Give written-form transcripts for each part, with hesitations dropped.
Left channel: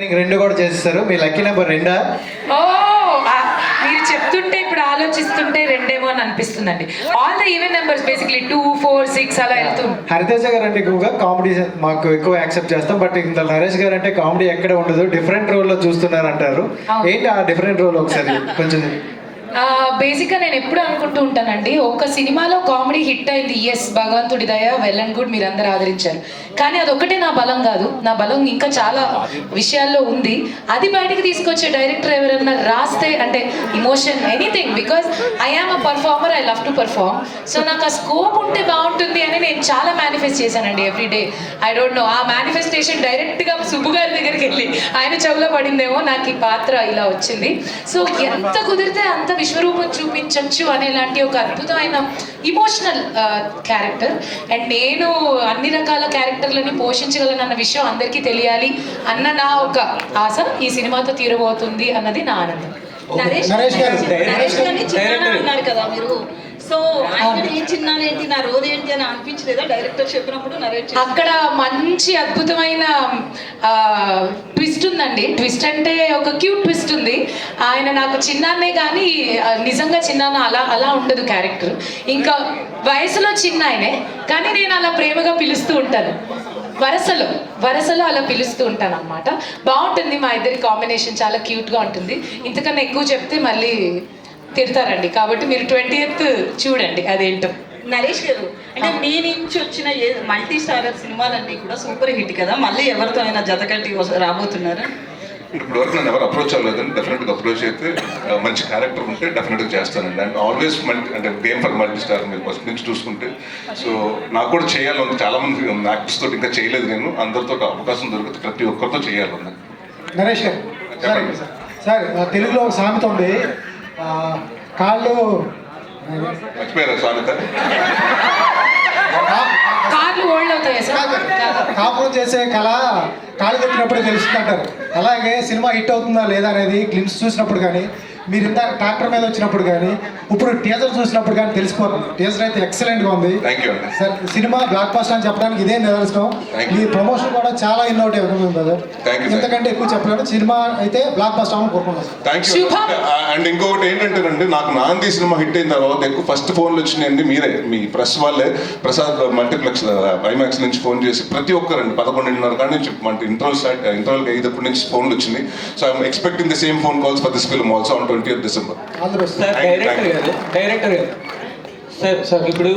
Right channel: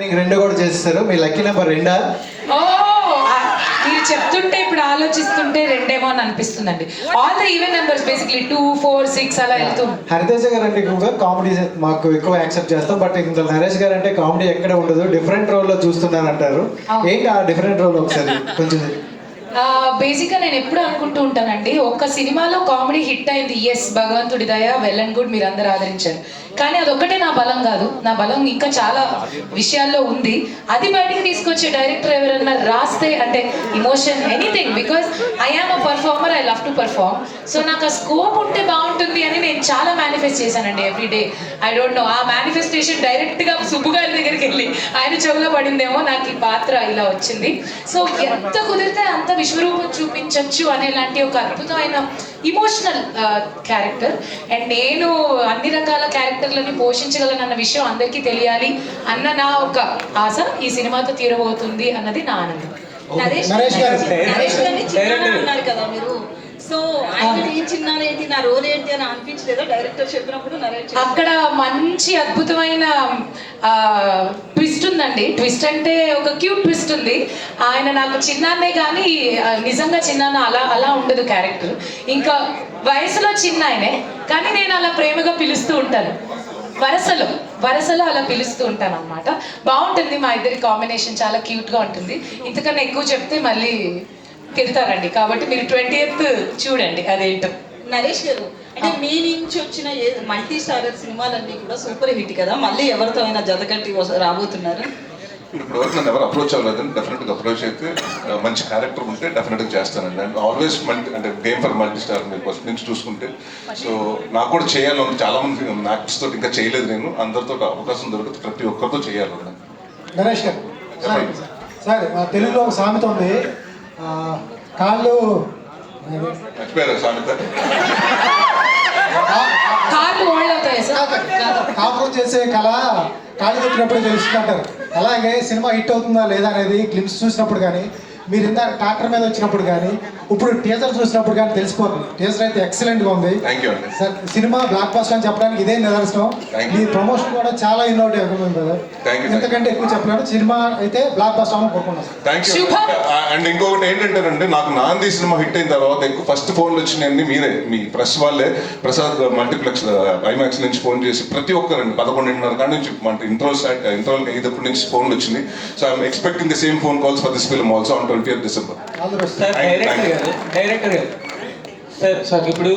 రెండు కూడా చేస్తారు. మీ లక్కీ నెంబర్ రెండా? మీరు చెప్తుంటే ఇప్పుడు ఆలోచిస్తుంటే రెండేమో అని అనిపిస్తుందండి. All the even numbers basically 2, 4, 6 అలా వెళ్తుంది. హరితేజ గారు అంటే ఎక్కువగా కామెడీ మాకు ఎక్కువ యాక్సెప్ట్ చేస్తాం. బట్ ఇంత నరేష్ గారు అంటే కామెడీ ఎక్కడ ఉండదు, డిఫరెంట్ రోల్ లో చూస్తున్నారు అంటారు. ఏంటి ఆ డిఫరెంట్ రోల్ ఒకసారి కొంచెం? బేసిక్గా నేను ఎప్పుడు అనుకుంటూ ఉంటానండి, ఒక్క సినిమాలో కామెడీ హిట్ అయింది, ఎస్ భగవంతుడి దయ, వెల్ అండ్ గుడ్, మీరు అందరూ ఆదరించారు. కానీ అదొక్కటే నా బలం కాదు, నా బలం ఇంకా చాలా విషయాల్లో ఉంది. అది బయటకు తీసుకొచ్చే డైరెక్టర్ ఎవరైనా రాస్తే అంటే emotion anything, because I am a performer, I love to perform. So నాకు ఆ స్కోప్ ఉంటే బాగుంటుంది అని నేను చాలా మేనిఫెస్ట్ చేశానండి ఎవ్రీడే. ఐ డోంట్ నో, ఆ మేనిఫెస్టేషన్ డైరెక్ట్గా సుబ్బు గారి దగ్గరికి వెళ్ళి ఆయన చెవులో పడిందేమో, నాకు ఈ పాత్ర ఇలా వచ్చింది. సో ఎంత కుదిరితే అంత విశ్వరూపం చూపించవచ్చు అనేలాంటి ఒక అద్భుతమైన ఇమోషనల్ క్యారెక్టర్. అండ్ నేను అన్ని రకాల క్యారెక్టర్లను పోషించగలను అన్న విషయం అందరికీ తెలియాలి అన్న నా ఒక ఆశ ఈ సినిమాతో తీరబోతుంది అన్నది నా ఆనందం. నరేష్ గారిని చిన్న అన్నారు కదా మీరు, సో ఆయన ఈ చిన్నాలు ఏంటి, నా రోల్ ఏంటి అని అనిపించలేదా డైరెక్టర్ చెప్పినప్పుడు? నరేష్ అక్కడ మంచి అద్భుతమైన ట్విస్ట్ ఉందండి. ట్విస్ట్ అంటే ఒక క్యూట్ ట్విస్ట్ ఉంది. ఆయన నాకు చిన్నాన్నే కానీ నిజంగా చిన్నాన్న అలా ఉండదు క్యారెక్టర్. ఇంకా వయసులో చిన్న ఆయనే, కానీ నేను అలా ప్రేమగా పిలుస్తూ ఉంటాను, వరసలో అలా పిలుస్తూ ఉంటాను అనమాట. బాగుంటుంది, మా ఇద్దరి కాంబినేషన్ చాలా క్యూట్గా ఉంటుంది. ఇంతకన్నా ఎక్కువ చెప్తే మళ్ళీ తిడతారండి, కాబట్టి మీరు 20th చూడండి అదేంటో. నరేష్ గారు, అంటే మీ నుంచి వచ్చిన మల్టీ స్టారర్ సినిమాలన్నీ కూడా సూపర్ హిట్ కదా, మళ్ళీ ఎవరితో అయినా జతకట్టి రాబోతున్నారు? ఇప్పుడు వరకు నన్ను ఎవరు అప్రోచ్ అవ్వలేదండి. డెఫినెట్గా అప్రోచ్ అయితే మంచి క్యారెక్టర్ ఉంటే డెఫినెట్గా చేస్తానండి. అండ్ ఆల్వేస్ అంటే గేమ్ ఫర్ మల్టీ స్టార్ మీరు ఫస్ట్ నుంచి చూసుకుంటే. సో నాకు కూడా చేయాలని చాలా మంది యాక్టర్స్ తోటి ఇంకా చేయలేదు, నేను అందరితో అవకాశం దొరికితే ప్రతి ఒక్కరితో చేయాలని. నరేష్ గారు సార్, తెలుగులో ఒక సామెత ఉంది, కాళ్ళు మర్చిపోయారా సామెత? కాపురం చేసే కళ కాళ్ళు పెట్టినప్పుడు తెలుసుకుంటారు. అలాగే సినిమా హిట్ అవుతుందా లేదా అనేది గ్లిమ్స్ చూసినప్పుడు కానీ, మీరు ఇందాక ట్రాక్టర్ మీద వచ్చినప్పుడు కానీ, ఇప్పుడు టీజర్ చూసినప్పుడు కానీ తెలిసిపోతుంది. టీజర్ అయితే ఎక్సలెంట్గా ఉంది సార్. సినిమా బ్లాక్ బస్టర్ అని చెప్పడానికి ఇదే నిదర్శనం. మీ ప్రమోషన్ కూడా చాలా ఇన్నోవేటివ్ ఉంది కదా, ఇంతకంటే ఎక్కువ చెప్పలేము. సినిమా అయితే బ్లాక్ బస్టర్ అని కోరుకున్నాం. Thank you. అండ్ ఇంకొకటి ఏంటంటే నాకు నాంది సినిమా హిట్ అయిన తర్వాత ఎక్కువ ఫస్ట్ ఫోన్లు వచ్చినాయండి మీరే, మీ ప్రెస్ వాళ్ళే. ప్రసాద్ మల్టీప్లెక్స్ ఐమాక్స్ నుంచి ఫోన్ చేసి ప్రతి ఒక్కరండి 11:30 కానీ నుంచి ఇంటర్వల్ అయ్యేటప్పటి నుంచి ఫోన్లు వచ్చినాయి. So I'm expecting the same phone calls for this film also on 20th December. Director గారు సార్ ఇప్పుడు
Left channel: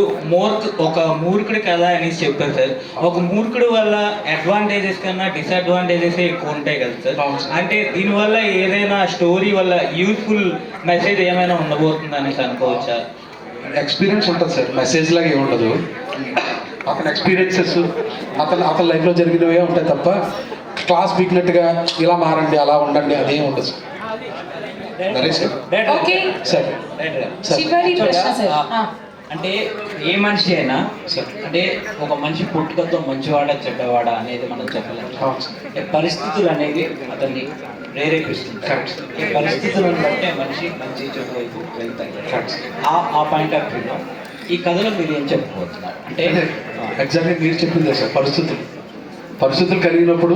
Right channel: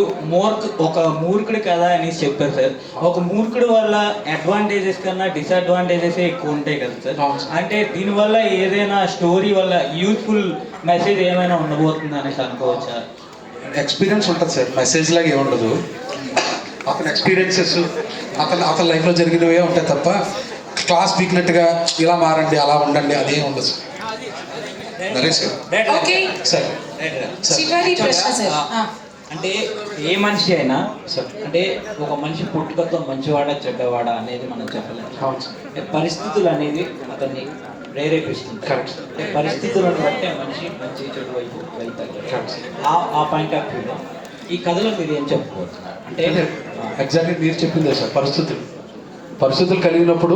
ఒక మూర్ఖుడు కథ అనేసి చెప్పారు సార్. ఒక మూర్ఖుడు వల్ల అడ్వాంటేజెస్ కన్నా డిసడ్వాంటేజెస్ ఎక్కువ ఉంటాయి కదా సార్. అంటే దీనివల్ల ఏదైనా స్టోరీ వల్ల యూస్ఫుల్ మెసేజ్ ఏమైనా ఉండబోతుంది అనేసి అనుకోవచ్చా? ఎక్స్పీరియన్స్ ఉంటుంది సార్, మెసేజ్ లాగా ఏమి ఉండదు. అతని ఎక్స్పీరియన్సెస్ అతని లైఫ్లో జరిగినవే ఉంటాయి తప్ప క్లాస్ పీకినట్టుగా ఇలా మారండి అలా ఉండండి అదేం ఉండదు సార్. నరేష్ సార్, అంటే ఏ మనిషి అయినా అంటే ఒక మనిషి పుట్టుకతో మంచివాడ చెడ్డవాడ అనేది మనం చెప్పలేము. పరిస్థితులు అనేవి అతన్ని ప్రేరేపిస్తుంది. పరిస్థితులను బట్టే మనిషి మంచి చెడు వైపు వెళ్తారు. ఆ పాయింట్ ఆఫ్ వ్యూలో ఈ కథలో మీరు ఏం చెప్పబోతున్నారు అంటే ఎగ్జాక్ట్లీ మీరు చెప్పిందే సార్. పరిస్థితులు కలిగినప్పుడు